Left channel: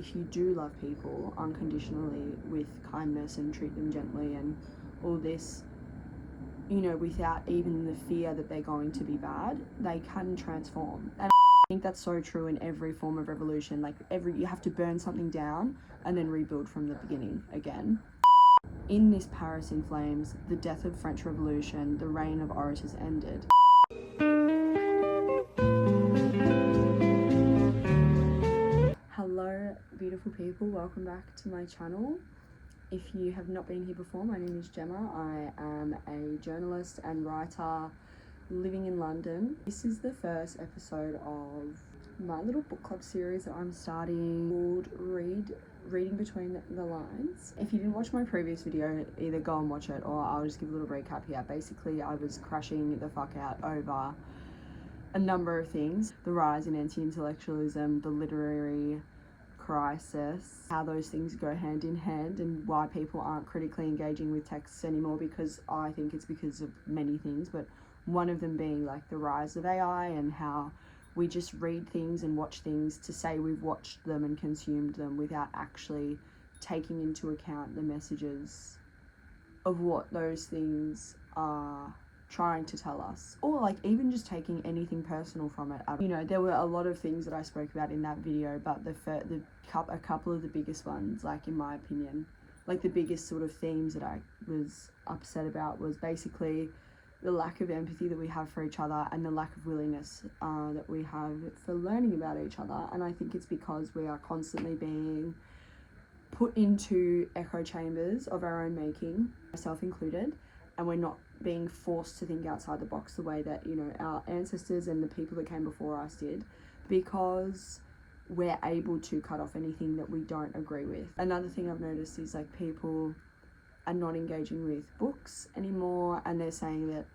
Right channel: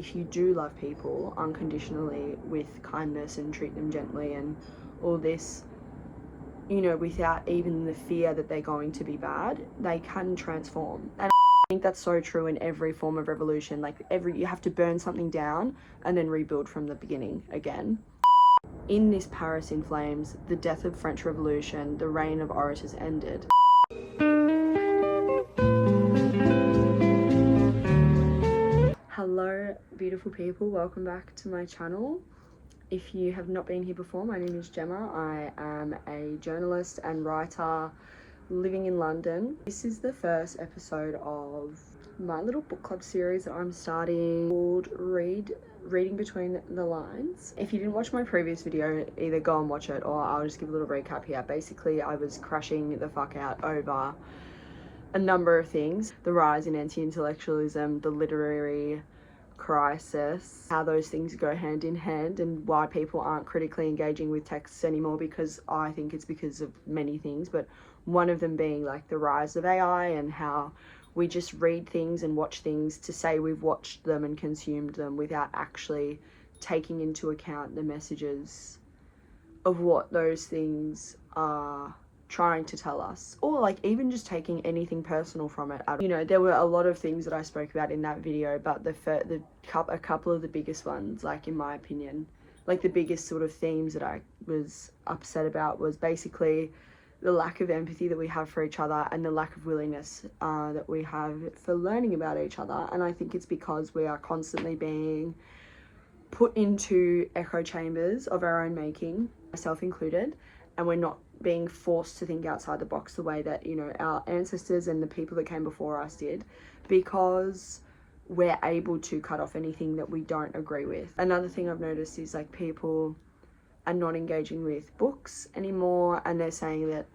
if you do love people unconditionally with kindness and treat them gently and all this, you know, without even the fear that they're going to be bad, they can transform. And I think that's so true in every form of revolution. Like you have to burn something down and then rebuild from the beginning again. In this Paris in Flames, the death of French Revolution, the reign of orators ended. Hello beautiful people, welcome back to my channel. If you have not been here before, my name is Gemma. I am a journalist and writer living in London. This is the first episode of my little book club series that I'm starting called Reading Between the Lines. If you didn't watch my previous video, either go and watch it or I'll just give a little recap here. Basically, I was crashing the fuck out over a number of things: the rise in anti-intellectualism, the literary crisis, how those things go hand in hand, and why people aren't critically engaging with texts anymore, because I think it's because of many things, but one of them being like the rise of AI and how we just read things and watch things to say we've watched them and consumed them without actually taking into account the messages of what those things are trying to tell us, or like even just taking anything personal from it. You know, there were a lot of things that I spoke about in that video, but a couple of the biggest ones, like in my opinion, like the biggest sort of themes that I was upset about was basically the lack of empathy that we have for each other and the lack of willingness that we have for learning about each other. And I think it's because we are constantly being put into echo chambers of our own making, myself included, and we're not being forced to think outside the box the way that, you know, our ancestors and the people that came before us did, because we're able to cut off anything that we don't agree with. Another thing I've noticed is like people are not engaging with books anymore, and they're saying that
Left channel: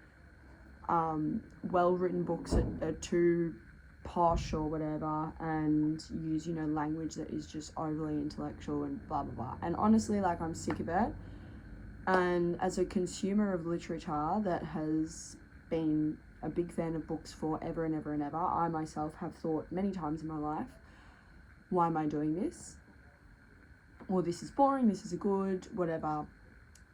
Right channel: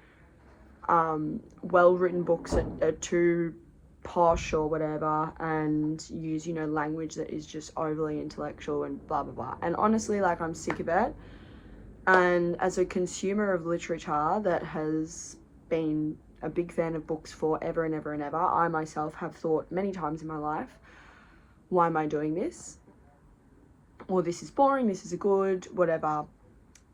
well-written books are too posh or whatever, and use, you know, language that is just overly intellectual and blah blah blah. And honestly, like, I'm sick of it. And as a consumer of literature that has been a big fan of books for ever and ever and ever, I myself have thought many times in my life, why am I doing this? Or this is boring, this is good, whatever.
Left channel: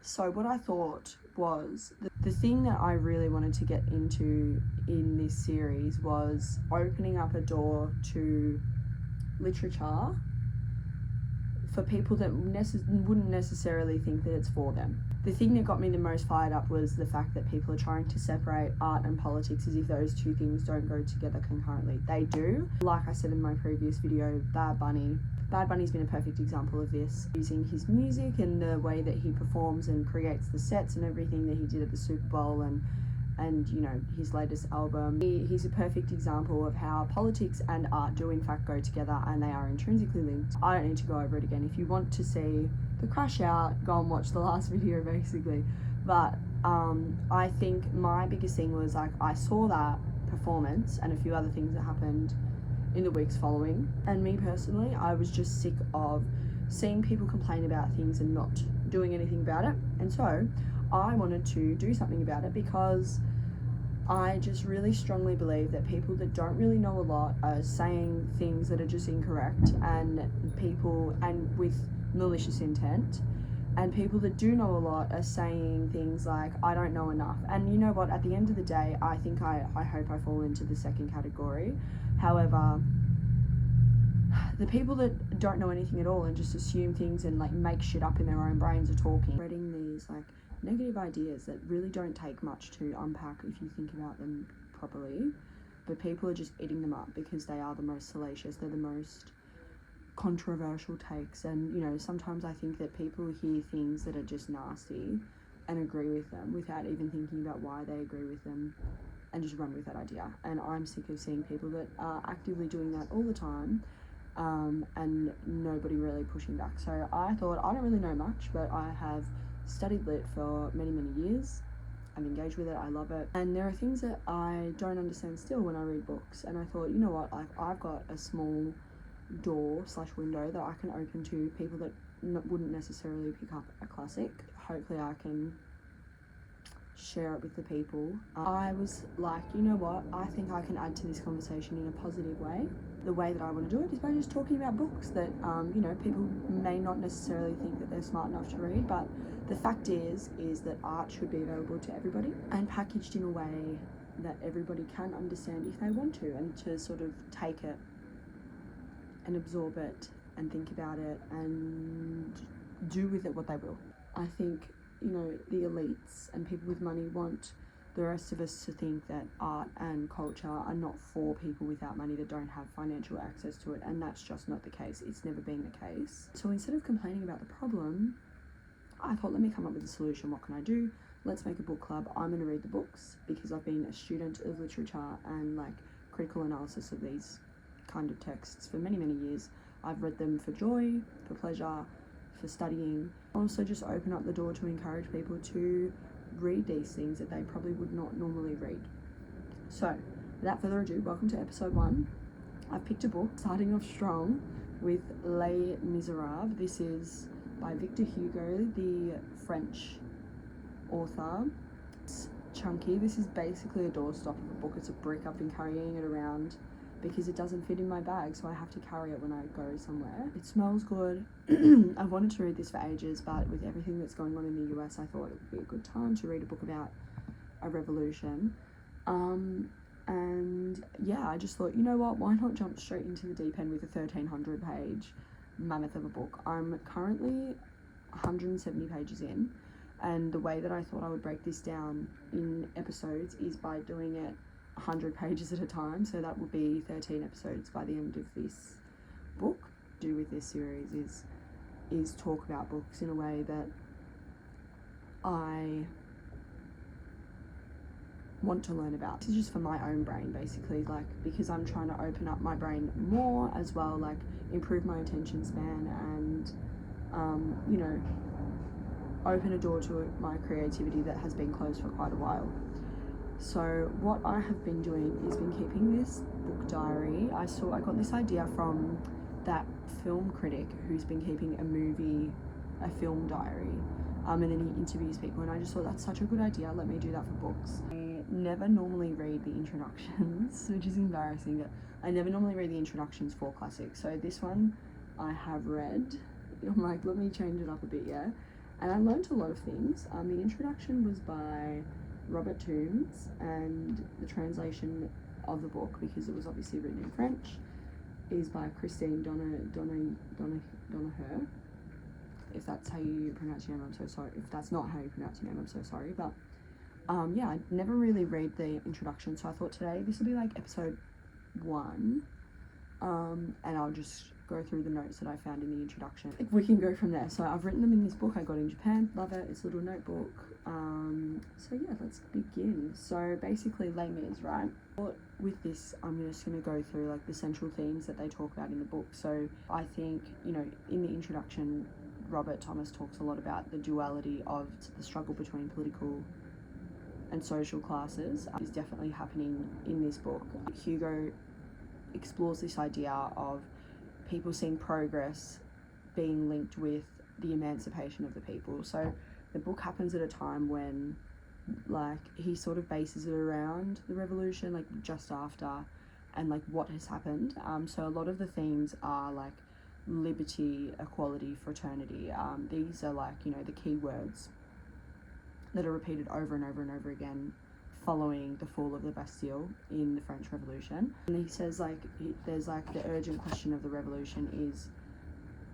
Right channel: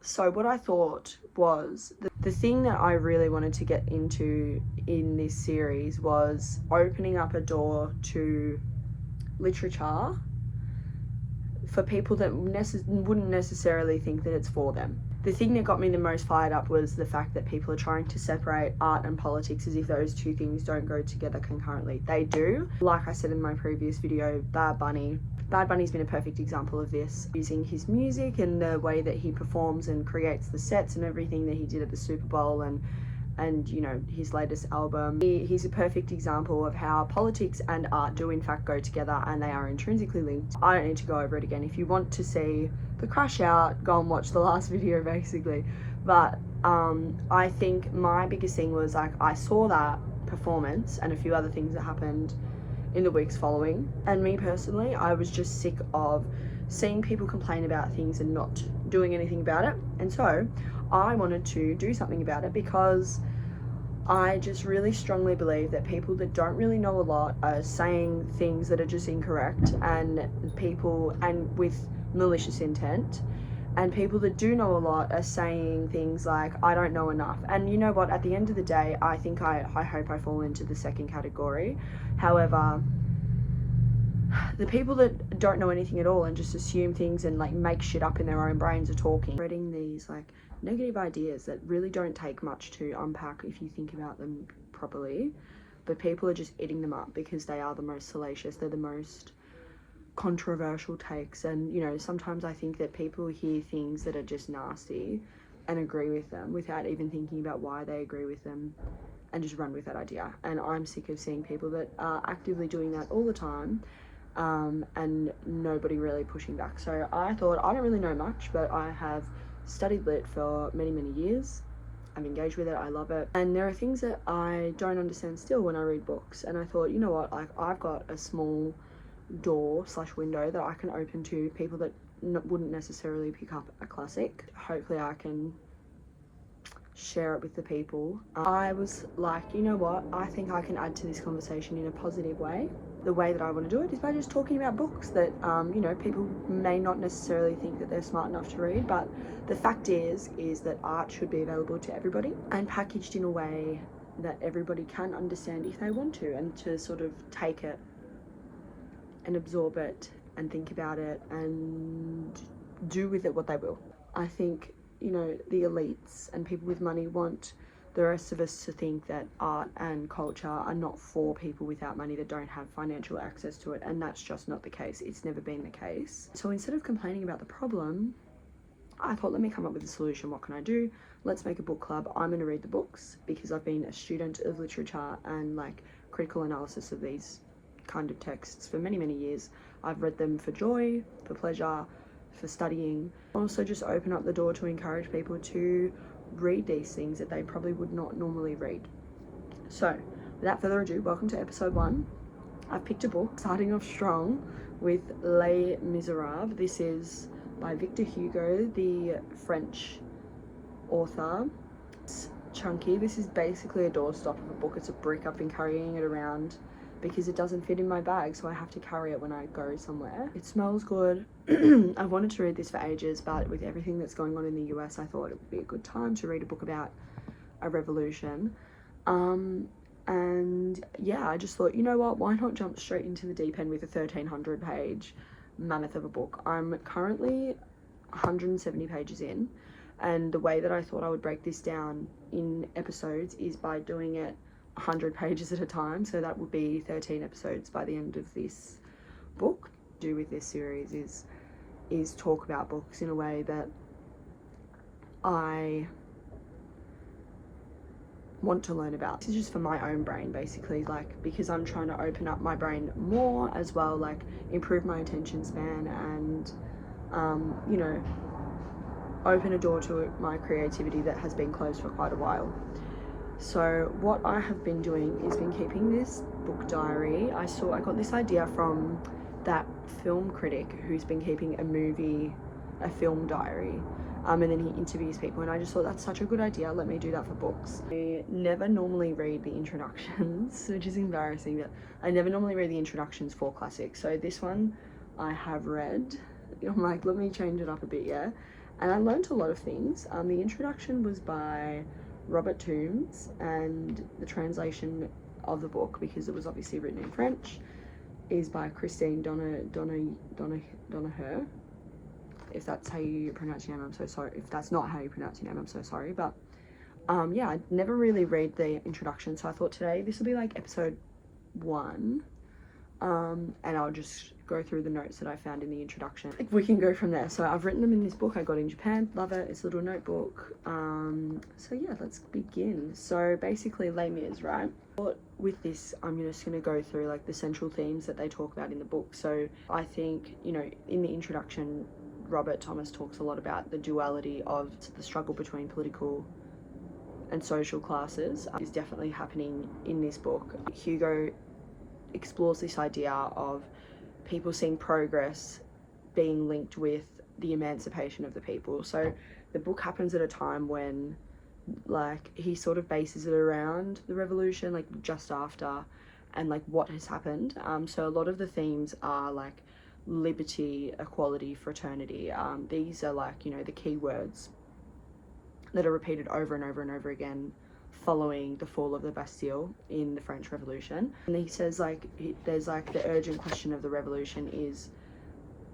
So what I thought was, the thing that I really wanted to get into in this series was opening up a door to literature for people that wouldn't necessarily think that it's for them. The thing that got me the most fired up was the fact that people are trying to separate art and politics as if those two things don't go together concurrently. They do. Like I said in my previous video, Bad Bunny's been a perfect example of this, using his music and the way that he performs and creates the sets and everything that he did at the Super Bowl and you know, his latest album. He's a perfect example of how politics and art do in fact go together, and they are intrinsically linked. I don't need to go over it again. If you want to see the crash out, go and watch the last video basically. But I think my biggest thing was, like, I saw that performance and a few other things that happened in the weeks following, and me personally, I was just sick of seeing people complain about things and not doing anything about it. And so I wanted to do something about it, because I just really strongly believe that people that don't really know a lot are saying things that are just incorrect, and with malicious intent, and people that do know a lot are saying things like, I don't know enough. And you know what, at the end of the day, I think I hope I fall into the second category. However, the people that don't know anything at all and just assume things and like make shit up in their own brains are talking, spreading these like negative ideas that really don't take much to unpack if you think about them properly, but people are just eating them up because they are the most salacious, they're the most controversial takes. And you know, sometimes I think that people hear things that are just nasty and agree with them without even thinking about why they agree with them, and just run with that idea. And I'm sick of seeing people that are actively doing that all the time, and nobody really pushing back. So I thought, I don't really know much, but I have studied lit for many years. I'm engaged with it, I love it, and there are things that I don't understand still when I read books. And I thought, you know what, like, I've got a small door / window that I can open to people that wouldn't necessarily pick up a classic. Hopefully I can share it with the people. I was like, you know what, I think I can add to this conversation in a positive way, the way that I want to do it is by just talking about books that, you know, people may not necessarily think that they're smart enough to read, but the fact is that art should be available to everybody and packaged in a way that everybody can understand if they want to, and to sort of take it and absorb it and think about it and do with it what they will. I think, you know, the elites and people with money want the rest of us to think that art and culture are not for people without money that don't have financial access to it, and that's just not the case. It's never been the case. So instead of complaining about the problem, I thought, let me come up with a solution. What can I do? Let's make a book club. I'm going to read the books because I've been a student of literature and like critical analysis of these kind of texts for many, many years. I've read them for joy, for pleasure, for studying. Also just open up the door to encourage people to read these things that they probably would not normally read. So without further ado, welcome to episode 1. I've picked a book starting off strong with Les Miserables. This is by Victor Hugo, the French author. It's chunky. This is basically a doorstop of a book. It's a brick. I've been carrying it around because it doesn't fit in my bag, so I have to carry it when I go somewhere. It smells good. I've wanted to read this for ages, but with everything that's going on in the US, I thought it would be a good time to read a book about a revolution. And yeah, I just thought, you know what, why not jump straight into the deep end with a 1,300 page mammoth of a book. I'm currently 170 pages in, and the way that I thought I would break this down in episodes is by doing it 100 pages at a time, so that would be 13 episodes by the end of this book. Do with this series is talk about books in a way that I want to learn about. This is just for my own brain, basically, like, because I'm trying to open up my brain more as well, like improve my attention span and you know, open a door to my creativity that has been closed for quite a while. So what I have been doing is been keeping this book diary. I got this idea from that film critic who's been keeping a film diary, and then he interviews people, and I just thought that's such a good idea. Let me do that for books. I never normally read the introductions, which is embarrassing, that I never normally read the introductions for classics. So this one I have read. I'm like, let me change it up a bit, yeah. And I learned a lot of things. The introduction was by Robert Toombs, and the translation of the book, because it was obviously written in French, is by Christine Donaher. If that's how you pronounce your name, I'm so sorry. If that's not how you pronounce your name, I'm so sorry. But yeah, I never really read the introduction, so I thought today this will be like episode 1, and I'll just go through the notes that I found in the introduction. Like, we can go from there. So I've written them in this book I got in Japan. Love it. It's a little notebook. So yeah, let's begin. So basically, Les Mis, right? With this, I'm just going to go through like the central themes that they talk about in the book. So I think, you know, in the introduction, Robert Thomas talks a lot about the duality of the struggle between political and social classes. Is definitely happening in this book. Hugo explores this idea of people seeing progress being linked with the emancipation of the people. So the book happens at a time when, like, he sort of bases it around the revolution, like just after, and like what has happened. So a lot of the themes are like liberty, equality, fraternity. These are like, you know, the key words that are repeated over and over and over again following the fall of the Bastille in the French Revolution. And he says, like, there's like the urgent question of the revolution is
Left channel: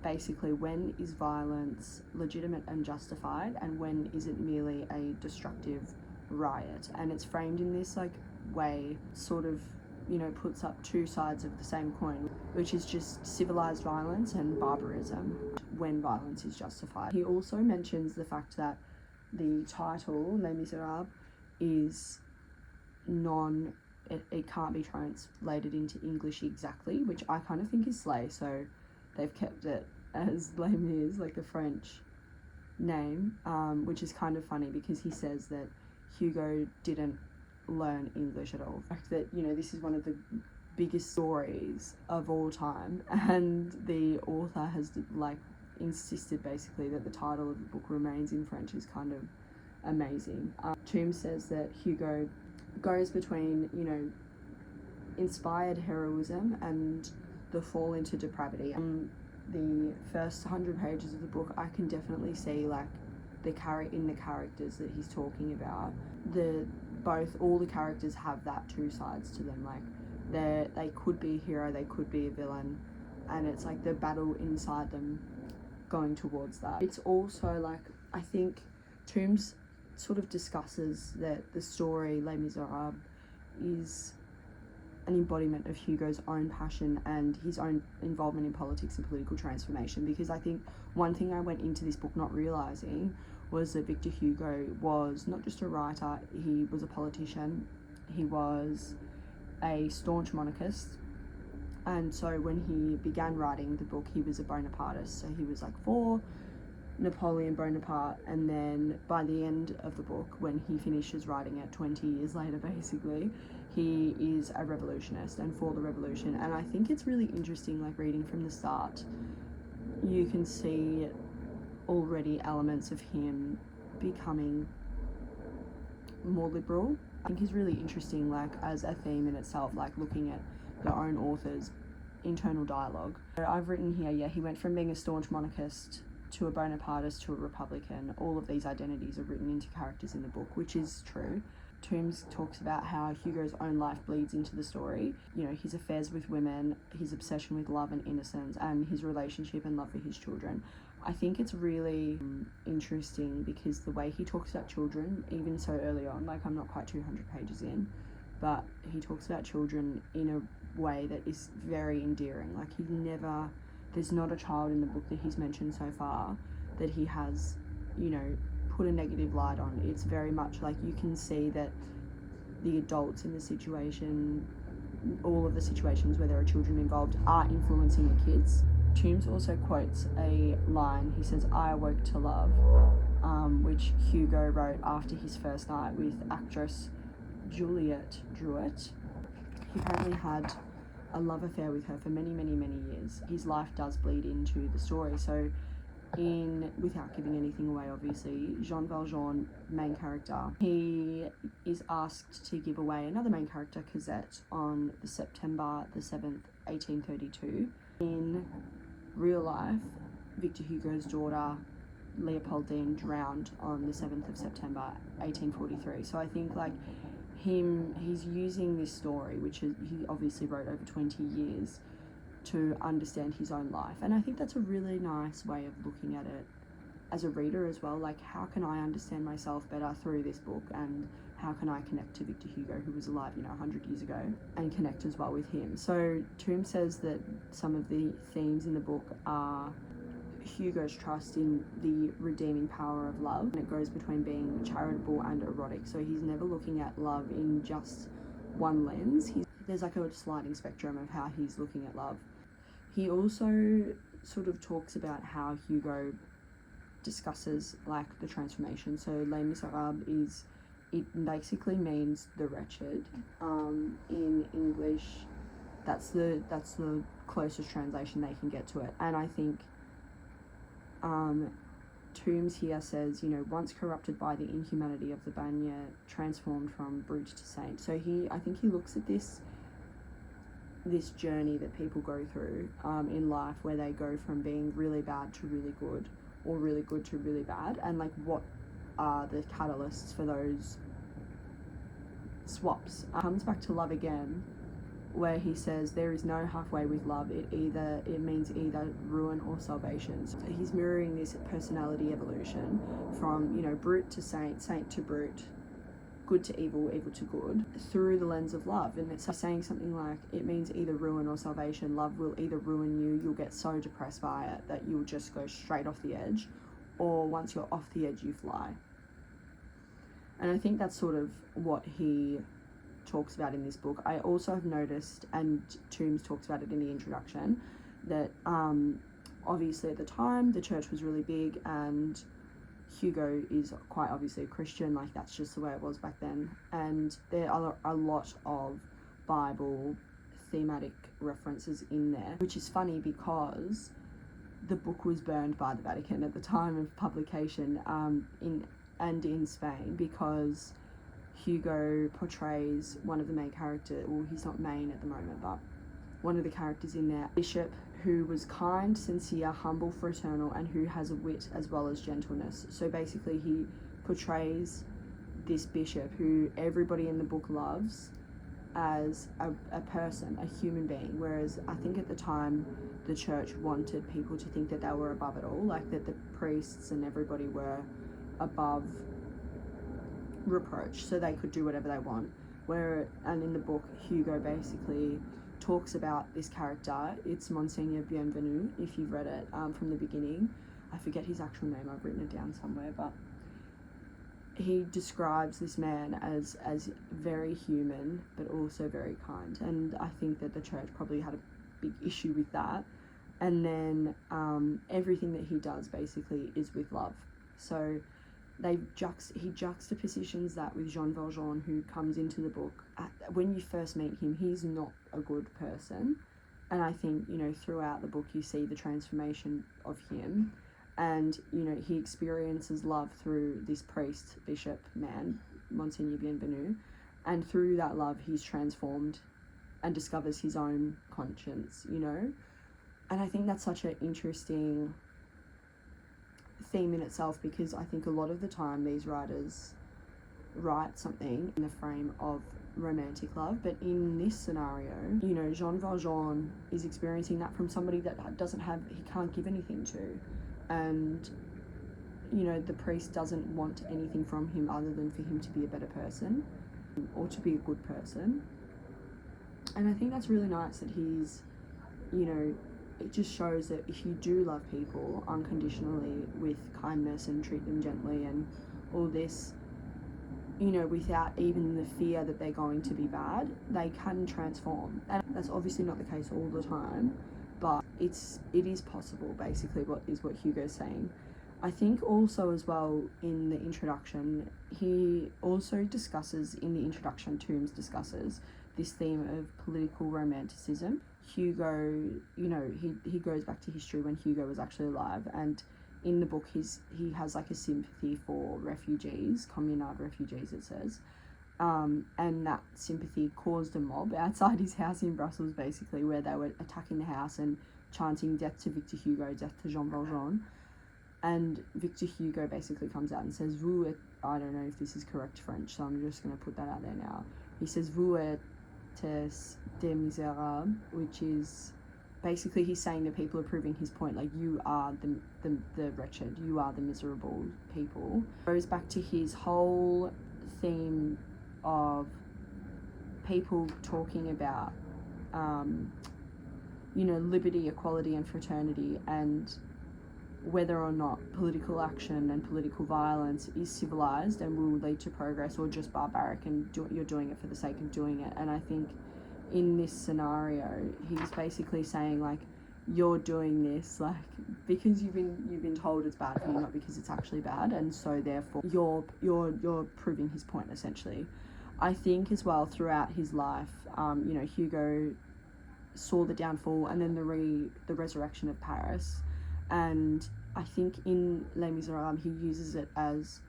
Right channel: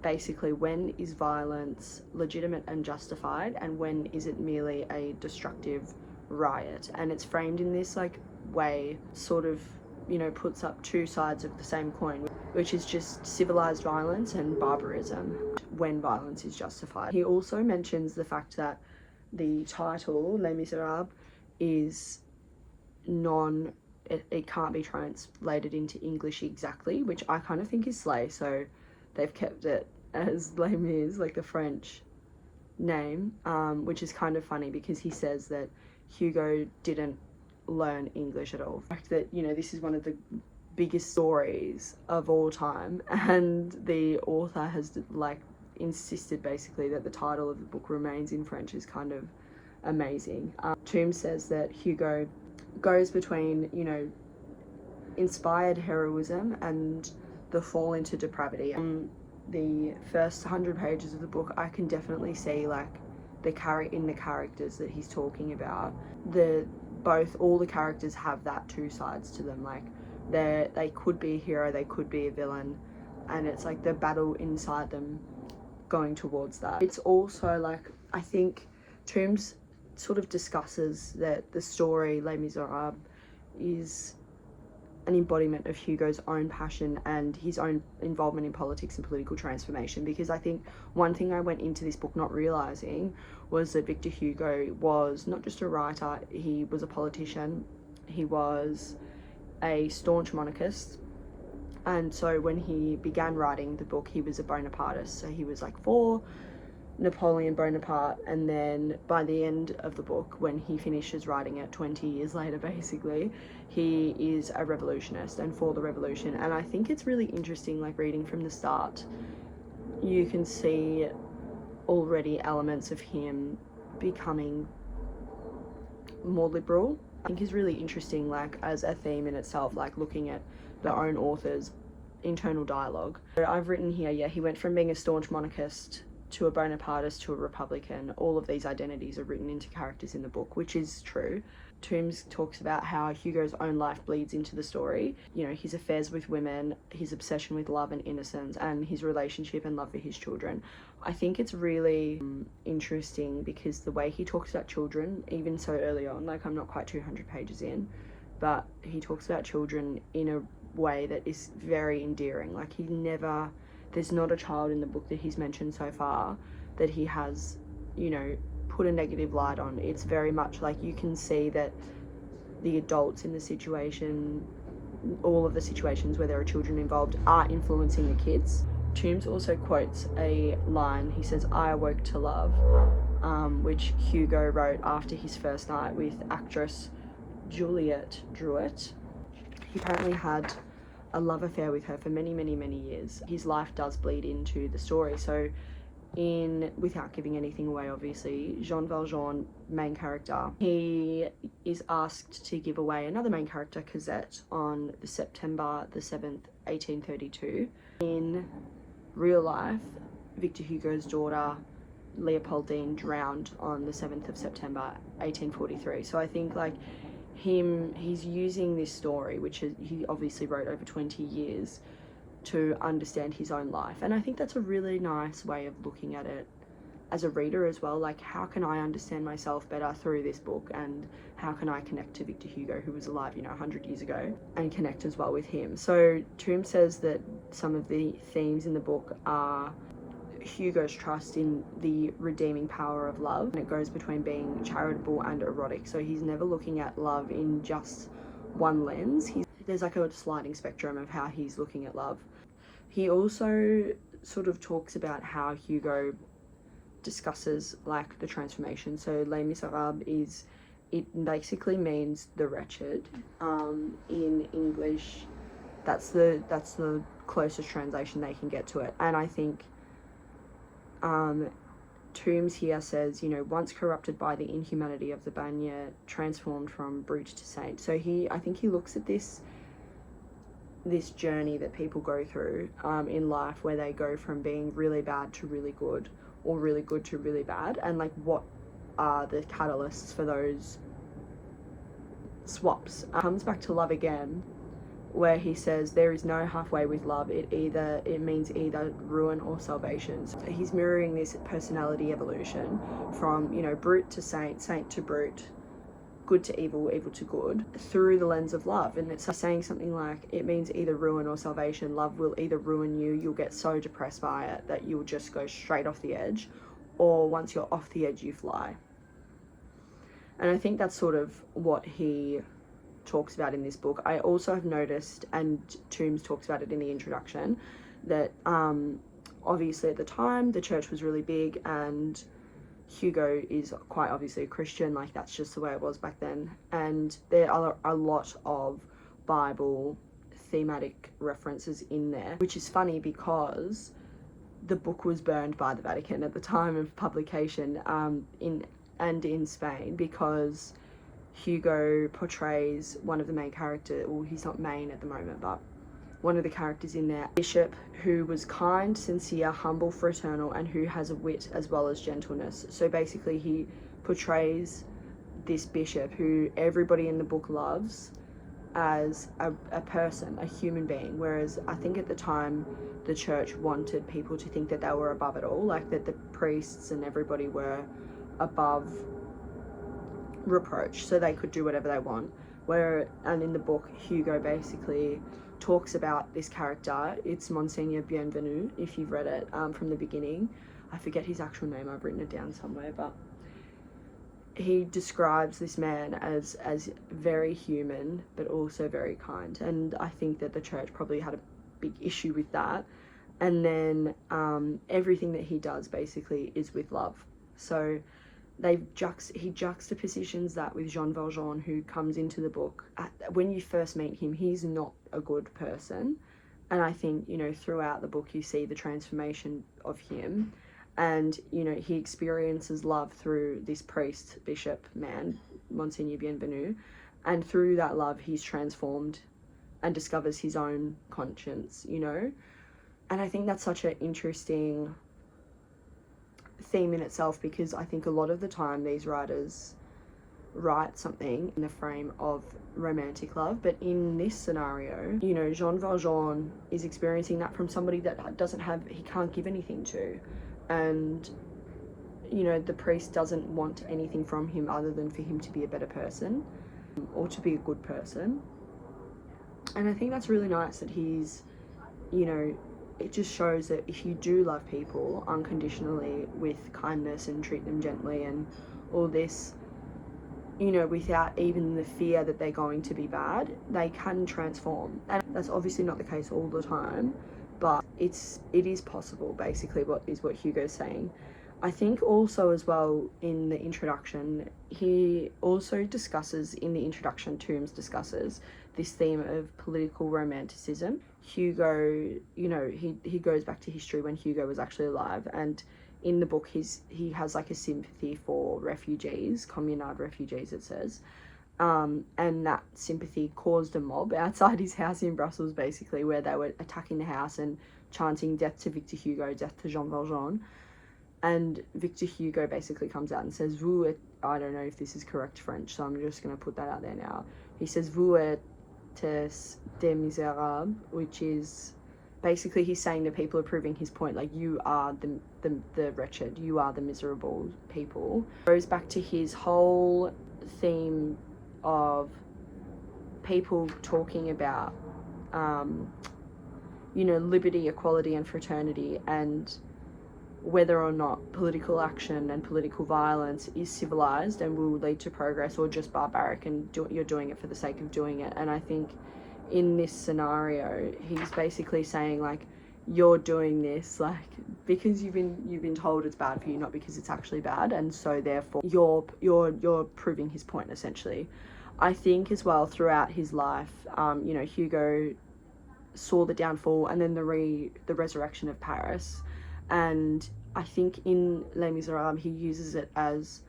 basically, when is violence legitimate and justified, and when is it merely a destructive riot? And it's framed in this like way, sort of, you know, puts up two sides of the same coin, which is just civilized violence and barbarism, when violence is justified. He also mentions the fact that the title Les Miserables is it can't be translated into English exactly, which I kind of think is slay, so they've kept it as Les Mis, like the French name, which is kind of funny because he says that Hugo didn't learn English at all. The fact that, you know, this is one of the biggest stories of all time, and the author has like insisted basically that the title of the book remains in French is kind of amazing. Toombs says that Hugo goes between, you know, inspired heroism and the fall into depravity. The first 100 pages of the book, I can definitely see like the characters that he's talking about. All the characters have that two sides to them. Like they could be a hero, they could be a villain, and it's like the battle inside them going towards that. It's also like, I think Tombs sort of discusses that the story Les Miserables is an embodiment of Hugo's own passion and his own involvement in politics and political transformation, because I think one thing I went into this book not realizing was that Victor Hugo was not just a writer, he was a politician, he was a staunch monarchist, and so when he began writing the book, he was a Bonapartist, so he was like for Napoleon Bonaparte, and then by the end of the book, when he finishes writing it 20 years later basically, he is a revolutionist and for the revolution. And I think it's really interesting, like reading from the start, you can see already elements of him becoming more liberal. I think is really interesting, like as a theme in itself, like looking at the own author's internal dialogue. So I've written here, yeah, he went from being a staunch monarchist to a Bonapartist to a Republican. All of these identities are written into characters in the book, which is true. Tombs talks about how Hugo's own life bleeds into the story. You know, his affairs with women, his obsession with love and innocence, and his relationship and love for his children. I think it's really interesting because the way he talks about children, even so early on, like I'm not quite 200 pages in, but he talks about children in a way that is very endearing. Like there's not a child in the book that he's mentioned so far that he has, you know, put a negative light on. It's very much like you can see that the adults in the situation, all of the situations where there are children involved, are influencing the kids. Tombs also quotes a line. He says, "I awoke to love," which Hugo wrote after his first night with actress Juliette Drouet. He apparently had a love affair with her for many, many, many years. His life does bleed into the story. So without giving anything away, obviously, Jean Valjean, main character, he is asked to give away another main character, Cosette, on September the 7th, 1832. In real life, Victor Hugo's daughter, Leopoldine, drowned on the 7th of September, 1843. So I think like he's using this story, which he obviously wrote over 20 years, to understand his own life. And I think that's a really nice way of looking at it as a reader as well. Like, how can I understand myself better through this book, and how can I connect to Victor Hugo, who was alive, 100 years ago, and connect as well with him. So Tombs says that some of the themes in the book are Hugo's trust in the redeeming power of love, and it goes between being charitable and erotic. So he's never looking at love in just one lens. There's like a sliding spectrum of how he's looking at love. He also sort of talks about how Hugo discusses like the transformation. So Les Miserables it basically means the wretched. In English, that's the closest translation they can get to it. And I think Tombs here says, once corrupted by the inhumanity of the Bagne, transformed from brute to saint. So I think he looks at this journey that people go through in life, where they go from being really bad to really good, or really good to really bad, and like what are the catalysts for those swaps. Comes back to love again, where he says there is no halfway with love. It means either ruin or salvation. So he's mirroring this personality evolution from brute to saint, saint to brute, good to evil, evil to good, through the lens of love. And it's saying something like, it means either ruin or salvation. Love will either ruin you, you'll get so depressed by it that you'll just go straight off the edge, or once you're off the edge, you fly. And I think that's sort of what he talks about in this book. I also have noticed, and Tombs talks about it in the introduction, that obviously at the time the church was really big, and Hugo is quite obviously a Christian. Like, that's just the way it was back then. And there are a lot of Bible thematic references in there, which is funny because the book was burned by the Vatican at the time of publication in Spain, because Hugo portrays one of the main characters, well, he's not main at the moment, but one of the characters in there, bishop, who was kind, sincere, humble, fraternal, and who has a wit as well as gentleness. So basically he portrays this bishop who everybody in the book loves as a person, a human being, whereas I think at the time the church wanted people to think that they were above it all, like that the priests and everybody were above reproach, so they could do whatever they want. And in the book, Hugo basically talks about this character. It's Monseigneur Bienvenu, if you've read it from the beginning. I forget his actual name, I've written it down somewhere, but he describes this man as very human but also very kind, and I think that the church probably had a big issue with that. And then everything that he does basically is with love. So he juxtapositions that with Jean Valjean, who comes into the book. When you first meet him, he's not a good person, and I think, you know, throughout the book you see the transformation of him, and, you know, he experiences love through this priest, bishop man, Monseigneur Bienvenu, and through that love he's transformed and discovers his own conscience, you know. And I think that's such an interesting theme in itself, because I think a lot of the time these writers write something in the frame of romantic love, but in this scenario, you know, Jean Valjean is experiencing that from somebody that he can't give anything to, and, you know, the priest doesn't want anything from him other than for him to be a better person or to be a good person. And I think that's really nice that he's, you know, it just shows that if you do love people unconditionally with kindness and treat them gently and all this, you know, without even the fear that they're going to be bad, they can transform. And that's obviously not the case all the time, but it is possible, basically, what Hugo's saying. I think also as well in the introduction, he also discusses, in the introduction, Tombs discusses this theme of political romanticism. Hugo, you know, he goes back to history when Hugo was actually alive, and in the book he has like a sympathy for refugees, communard refugees it says, and that sympathy caused a mob outside his house in Brussels, basically, where they were attacking the house and chanting death to Victor Hugo, death to Jean Valjean. And Victor Hugo basically comes out and says, vous êtes, I don't know if this is correct French, so I'm just going to put that out there now. He says, vous êtes des misérables, which is basically he's saying that people are proving his point, like, you are the wretched, you are the miserable people. Goes back to his whole theme of people talking about, you know, liberty, equality and fraternity, and whether or not political action and political violence is civilized and will lead to progress, or just barbaric and you're doing it for the sake of doing it. And I think in this scenario, he's basically saying, like, you're doing this, like, because you've been told it's bad for you, not because it's actually bad, and so therefore you're proving his point, essentially. I think as well throughout his life, you know, Hugo saw the downfall and then the resurrection of Paris. And I think in Les Miserables he uses it as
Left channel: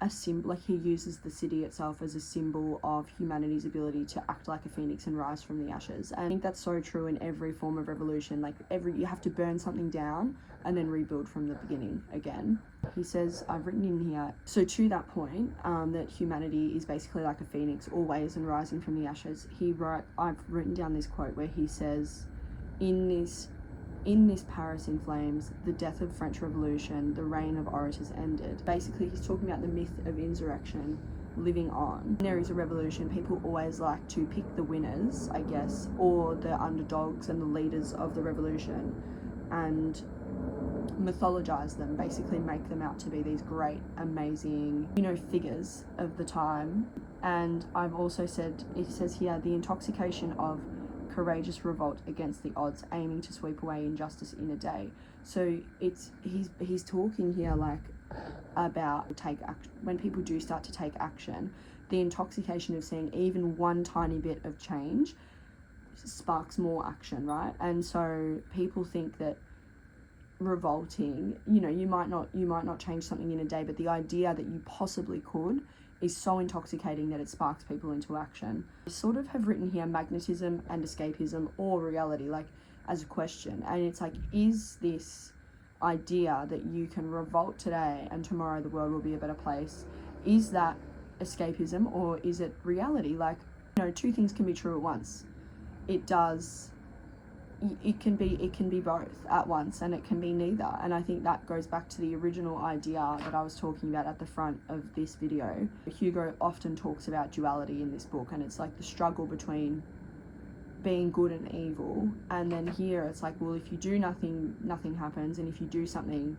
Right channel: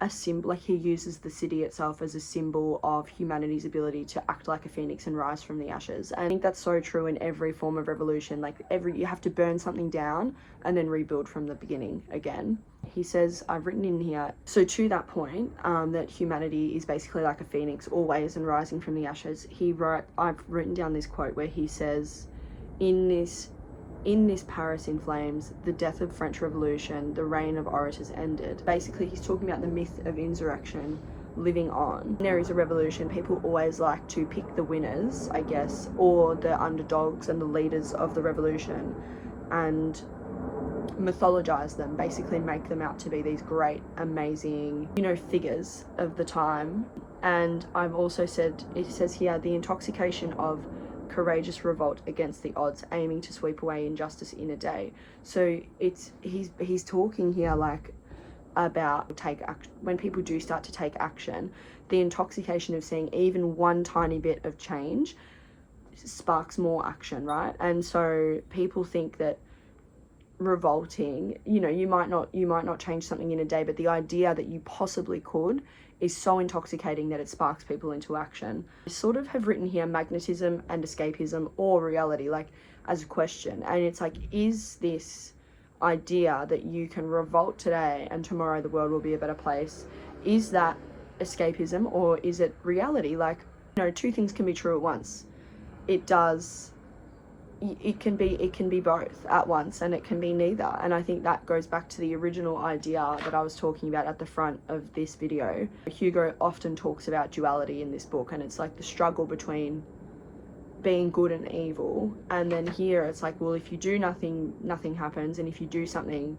a symbol, like he uses the city itself as a symbol of humanity's ability to act like a phoenix and rise from the ashes. And I think that's so true in every form of revolution. Like you have to burn something down and then rebuild from the beginning again. He says, I've written in here, so to that point, that humanity is basically like a phoenix, always, and rising from the ashes. I've written down this quote where he says, in this Paris in flames, the death of French Revolution, the reign of orators ended. Basically, he's talking about the myth of insurrection living on. When there is a revolution, people always like to pick the winners, I guess, or the underdogs and the leaders of the revolution, and mythologize them, basically make them out to be these great, amazing, you know, figures of the time. And I've also said, it says here, the intoxication of courageous revolt against the odds, aiming to sweep away injustice in a day. So he's talking here like about when people do start to take action, the intoxication of seeing even one tiny bit of change sparks more action, right? And so people think that revolting, you know, you might not change something in a day, but the idea that you possibly could is so intoxicating that it sparks people into action. I sort of have written here magnetism and escapism or reality, like as a question. And it's like, is this idea that you can revolt today and tomorrow the world will be a better place, is that escapism or is it reality? Like, you know, two things can be true at once. It can be both at once, and it can be neither. And I think that goes back to the original idea that I was talking about at the front of this video. Hugo often talks about duality in this book, and it's like the struggle between being good and evil. And then here it's like, well, if you do nothing, nothing happens, and if you do something,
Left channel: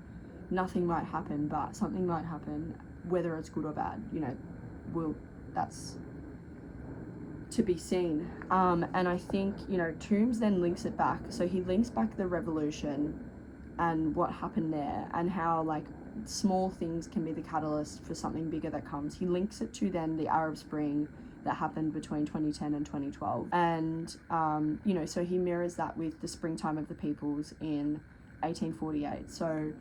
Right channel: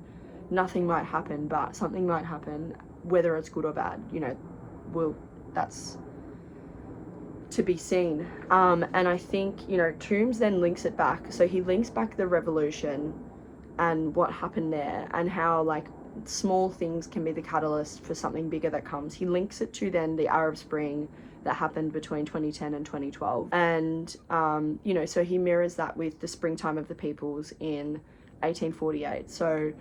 nothing might happen, but something might happen, whether it's good or bad, you know, well, that's to be seen. And I think, you know, Tombs then links it back. So he links back the revolution and what happened there, and how like small things can be the catalyst for something bigger that comes. He links it to then the Arab Spring that happened between 2010 and 2012. And, you know, so he mirrors that with the Springtime of the Peoples in 1848. So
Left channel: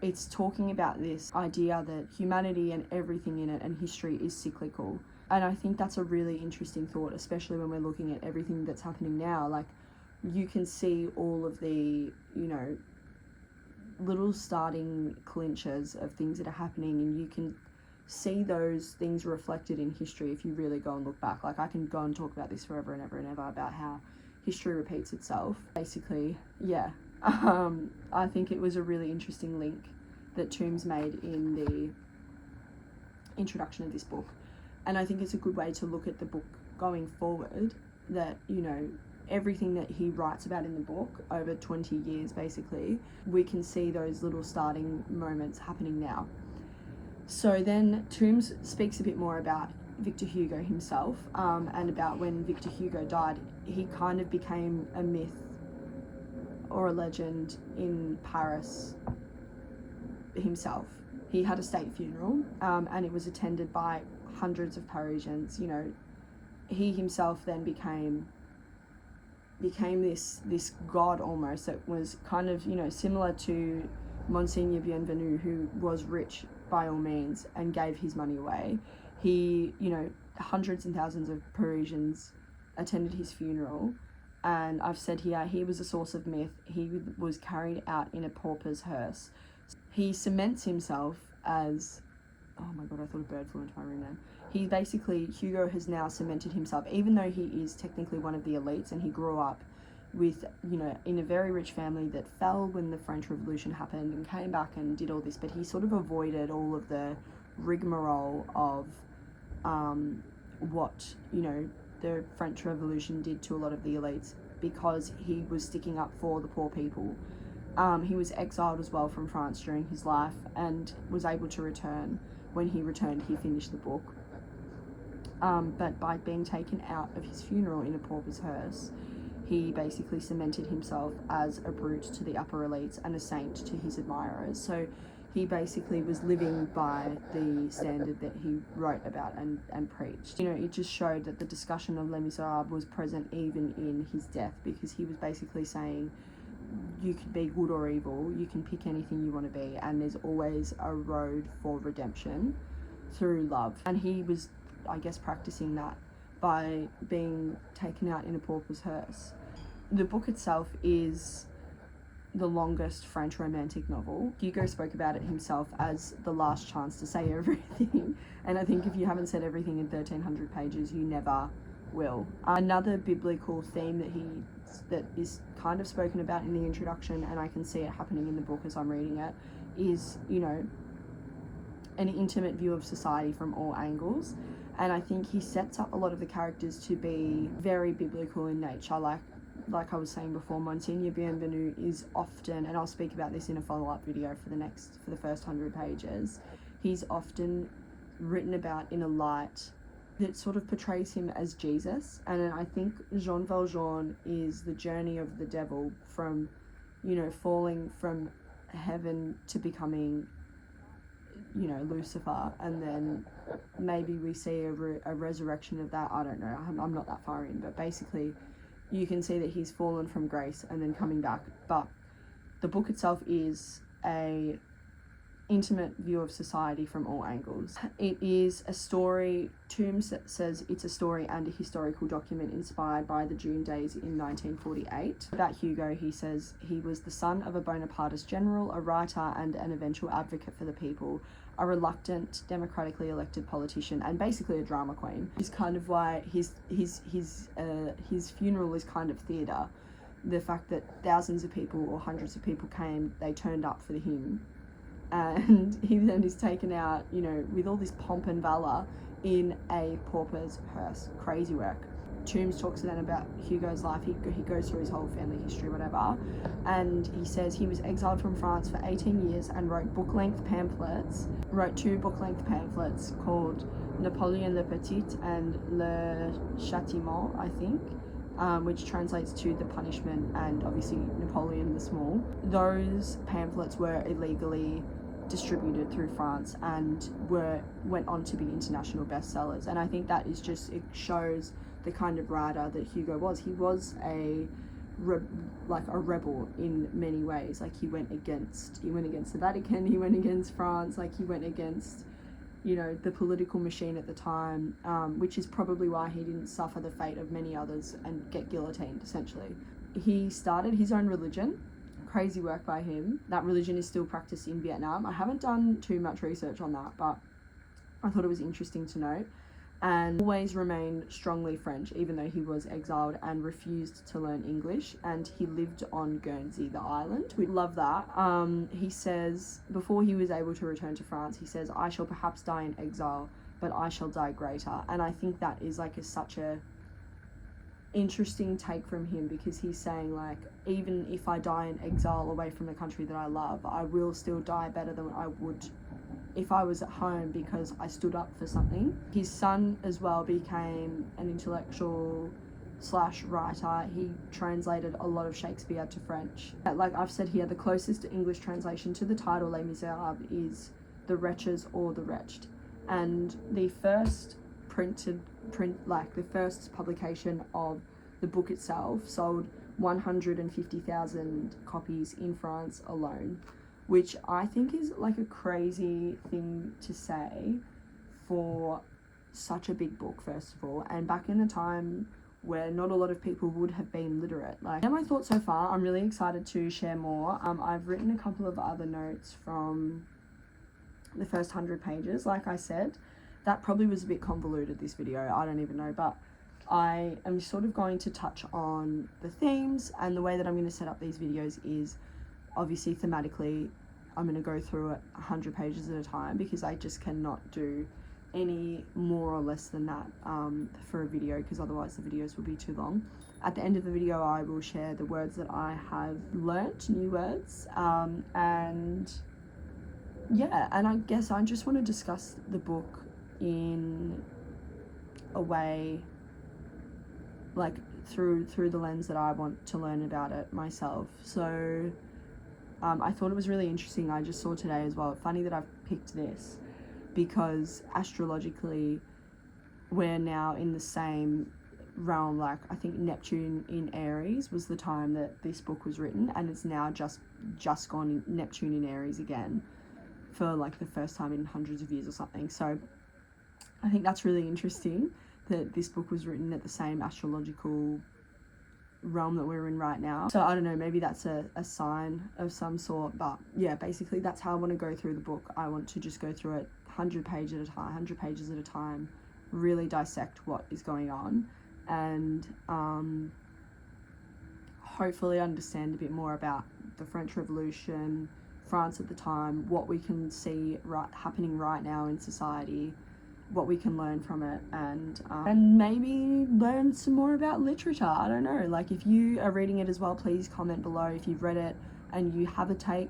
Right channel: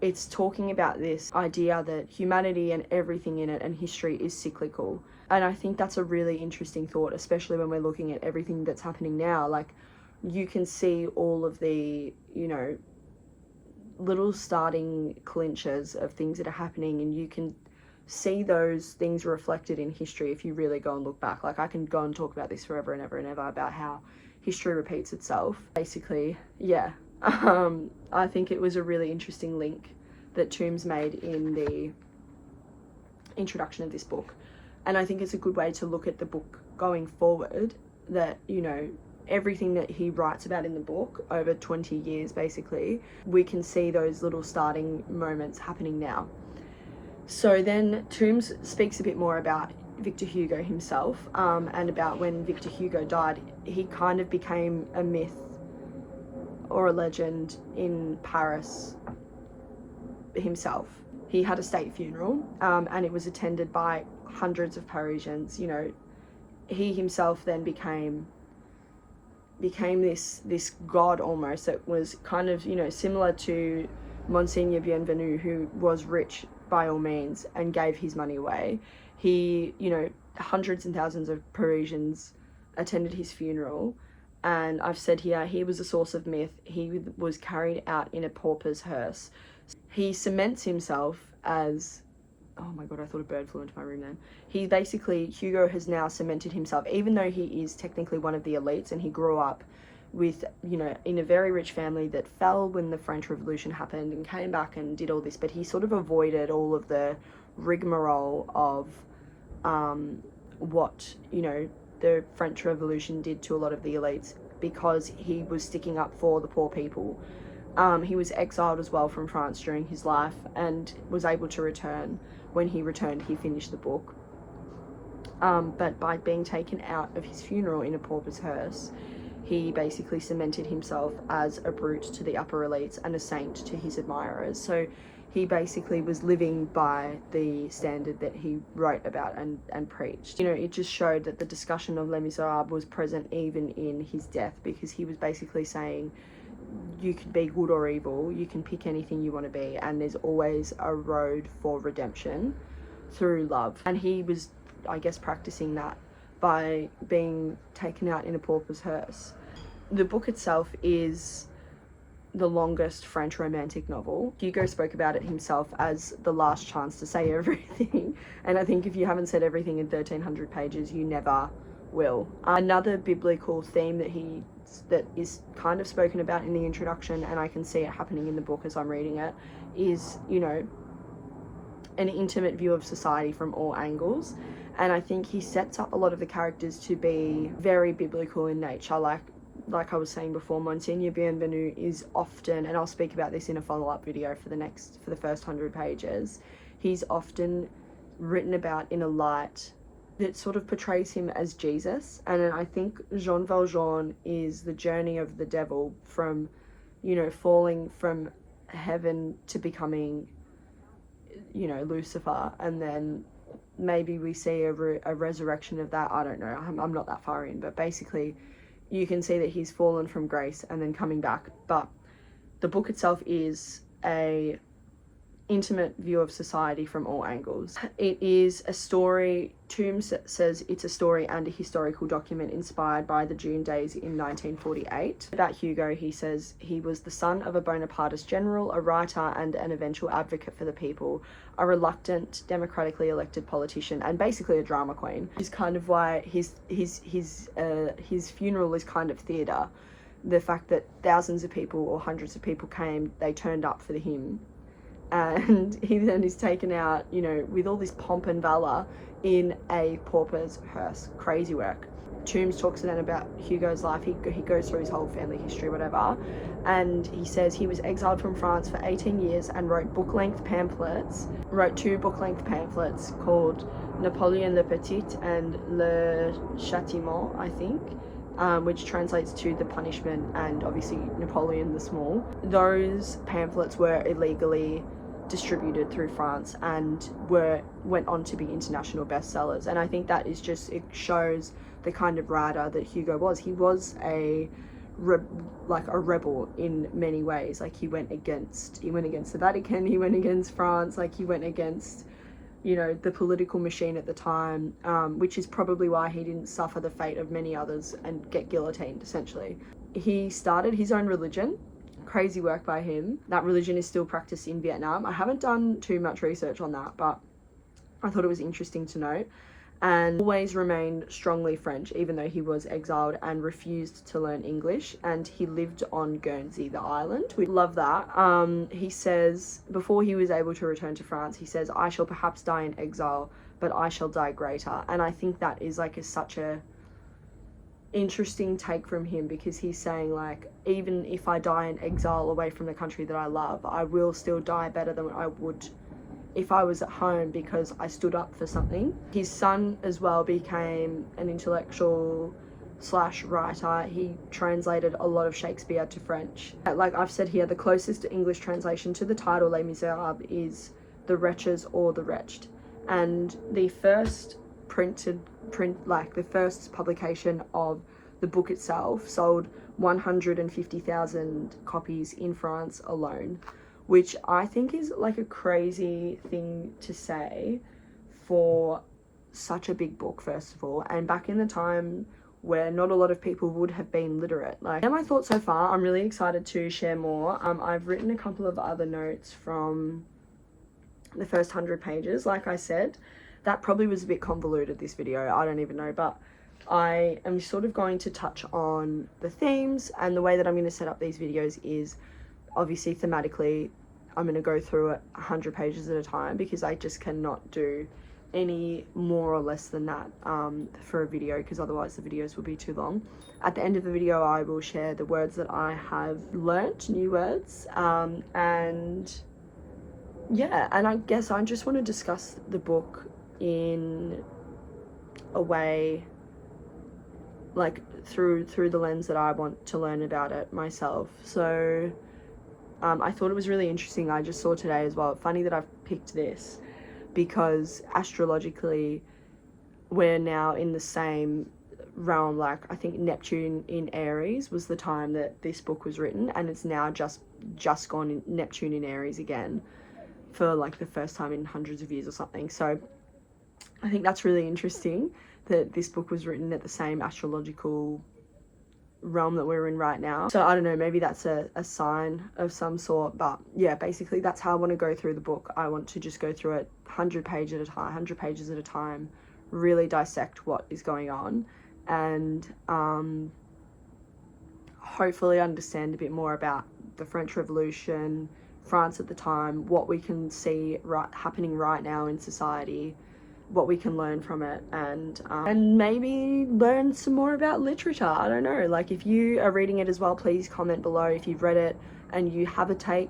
it's talking about this idea that humanity and everything in it and history is cyclical. And I think that's a really interesting thought, especially when we're looking at everything that's happening now. Like, you can see all of the, you know, little starting clinches of things that are happening, and you can see those things reflected in history if you really go and look back. Like, I can go and talk about this forever and ever and ever about how history repeats itself. Basically, yeah. I think it was a really interesting link that Tombs made in the introduction of this book. And I think it's a good way to look at the book going forward, that, you know, everything that he writes about in the book over 20 years, basically, we can see those little starting moments happening now. So then Tombs speaks a bit more about Victor Hugo himself, and about when Victor Hugo died, he kind of became a myth or a legend in Paris himself. He had a state funeral, and it was attended by hundreds of Parisians. You know, he himself then became this god almost, that was kind of, you know, similar to Monseigneur Bienvenu, who was rich by all means and gave his money away. He, you know, hundreds and thousands of Parisians attended his funeral, and I've said here, he was a source of myth. He was carried out in a pauper's hearse. He cements himself as, oh my god, I thought a bird flew into my room then. He basically, Hugo has now cemented himself, even though he is technically one of the elites, and he grew up with, you know, in a very rich family that fell when the French Revolution happened and came back and did all this, but he sort of avoided all of the rigmarole of what, you know, the French Revolution did to a lot of the elites, because he was sticking up for the poor people. He was exiled as well from France during his life, and was able to return. When he returned, he finished the book. But by being taken out of his funeral in a pauper's hearse, he basically cemented himself as a brute to the upper elites and a saint to his admirers. So he basically was living by the standard that he wrote about and preached. You know, it just showed that the discussion of Les Miserables was present even in his death, because he was basically saying, you can be good or evil, you can pick anything you want to be, and there's always a road for redemption through love. And he was, I guess, practicing that by being taken out in a pauper's hearse. The book itself is the longest French romantic novel. Hugo spoke about it himself as the last chance to say everything, and I think if you haven't said everything in 1,300 pages, you never will. Another biblical theme that is kind of spoken about in the introduction, and I can see it happening in the book as I'm reading it, is, you know, an intimate view of society from all angles. And I think he sets up a lot of the characters to be very biblical in nature. Like I was saying before, Monseigneur Bienvenu is often, and I'll speak about this in a follow-up video for the first 100 pages, he's often written about in a light that sort of portrays him as Jesus. And I think Jean Valjean is the journey of the devil from, you know, falling from heaven to becoming, you know, Lucifer, and then maybe we see a resurrection of that. I don't know, I'm not that far in, but basically you can see that he's fallen from grace and then coming back. But the book itself is a intimate view of society from all angles. It is a story, Tombs says it's a story and a historical document inspired by the June days in 1948. About Hugo, he says he was the son of a Bonapartist general, a writer and an eventual advocate for the people, a reluctant, democratically elected politician, and basically a drama queen. Which is kind of why his funeral is kind of theatre. The fact that thousands of people or hundreds of people came, they turned up for him, and he then is taken out, you know, with all this pomp and valor in a pauper's hearse. Crazy work. Tombs talks then about Hugo's life. He goes through his whole family history, whatever, and he says he was exiled from France for 18 years and wrote two book-length pamphlets called Napoleon le Petit and Le Châtiment, I think, which translates to the punishment, and obviously Napoleon the Small. Those pamphlets were illegally distributed through France and went on to be international bestsellers. And I think that is just, it shows the kind of writer that Hugo was. He was a rebel in many ways. Like he went against the Vatican, he went against France, like he went against, you know, the political machine at the time, which is probably why he didn't suffer the fate of many others and get guillotined, essentially. He started his own religion. Crazy work by him. That religion is still practiced in Vietnam. I haven't done too much research on that, but I thought it was interesting to note. And always remained strongly French, even though he was exiled, and refused to learn English. And he lived on Guernsey, the island. We love that. He says, before he was able to return to France, he says, "I shall perhaps die in exile, but I shall die greater." And I think that is like such a interesting take from him, because he's saying, like, even if I die in exile away from the country that I love, I will still die better than I would if I was at home, because I stood up for something. His son as well became an intellectual / writer. He translated a lot of Shakespeare to French. Like I've said here, the closest English translation to the title Les Miserables is The Wretches or The Wretched. And the first the first publication of the book itself sold 150,000 copies in France alone, which I think is like a crazy thing to say for such a big book, first of all, and back in the time where not a lot of people would have been literate. Like, and my thoughts so far, I'm really excited to share more. I've written a couple of other notes from the first 100 pages. Like I said, that probably was a bit convoluted, this video, I don't even know, but I am sort of going to touch on the themes, and the way that I'm going to set up these videos is obviously thematically. I'm going to go through it 100 pages at a time, because I just cannot do any more or less than that for a video, because otherwise the videos will be too long. At the end of the video, I will share the words that I have learnt, new words, and yeah, and I guess I just want to discuss the book in a way, like through the lens that I want to learn about it myself. So I thought it was really interesting. I just saw today as well, funny that I've picked this, because astrologically we're now in the same realm. Like I think Neptune in Aries was the time that this book was written, and it's now just gone in Neptune in Aries again for like the first time in hundreds of years or something. So I think that's really interesting that this book was written at the same astrological realm that we're in right now. So I don't know, maybe that's a sign of some sort, but yeah, basically that's how I want to go through the book. I want to just go through it 100 pages at a time, really dissect what is going on, and hopefully understand a bit more about the French Revolution, France at the time, what we can see happening right now in society, what we can learn from it, and maybe learn some more about literature. I don't know, like if you are reading it as well, please comment below if you've read it and you have a take.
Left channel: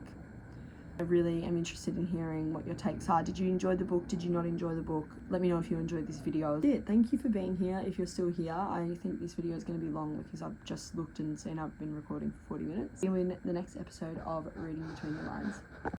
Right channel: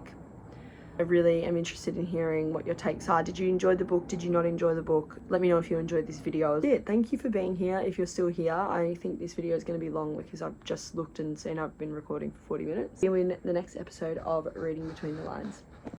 I really am interested in hearing what your takes are. Did you enjoy the book? Did you not enjoy the book? Let me know if you enjoyed this video. Thank you for being here. If you're still here, I think this video is going to be long because I've just looked and seen I've been recording for 40 minutes. See you in the next episode of Reading Between the Lines.